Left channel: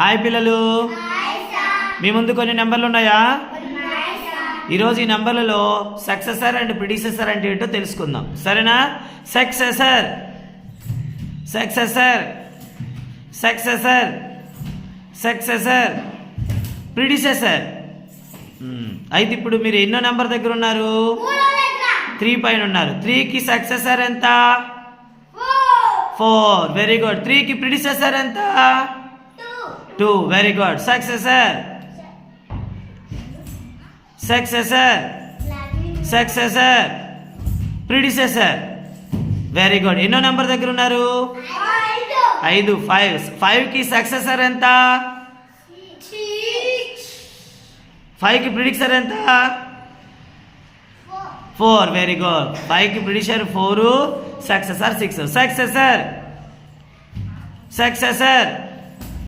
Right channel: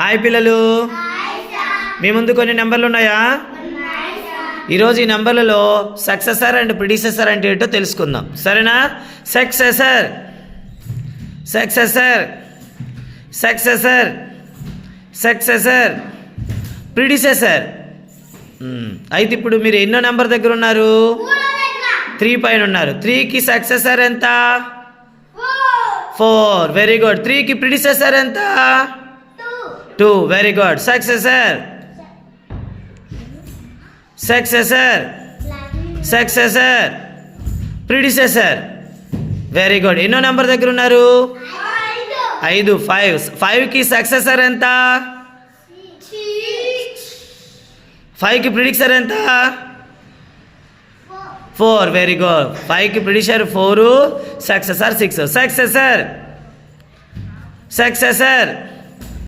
Hi పిల్లలు, మీ ముందు కొన్ని నెంబర్లు ఉన్నాయా? ఈరోజు ఈ నెంబర్లలో సక్సెసర్ అండ్ ప్రిడిసెసర్ అంటే ఏంటో తెలుసుకుందాం, సరేనా? Successor successor successor successor predecessor. అయితే ఇప్పుడు మీరు ఎన్నో నెంబర్ దగ్గర ఉన్నారు? 3 పైన ఉన్నారు. 3కి సక్సెసర్ ఎంత? 4. Very good. 3కి ప్రిడిసెసర్ ఎంత? 2. Very good. Successor successor successor predecessor. Very good. ఎన్నో నెంబర్ దగ్గర ఉన్నారు? 5. 5కి సక్సెసర్ ఎంత? 5కి ప్రిడిసెసర్ ఎంత? 4. Very good. 5కి ప్రిడిసెసర్ 4, సక్సెసర్ 6. Successor successor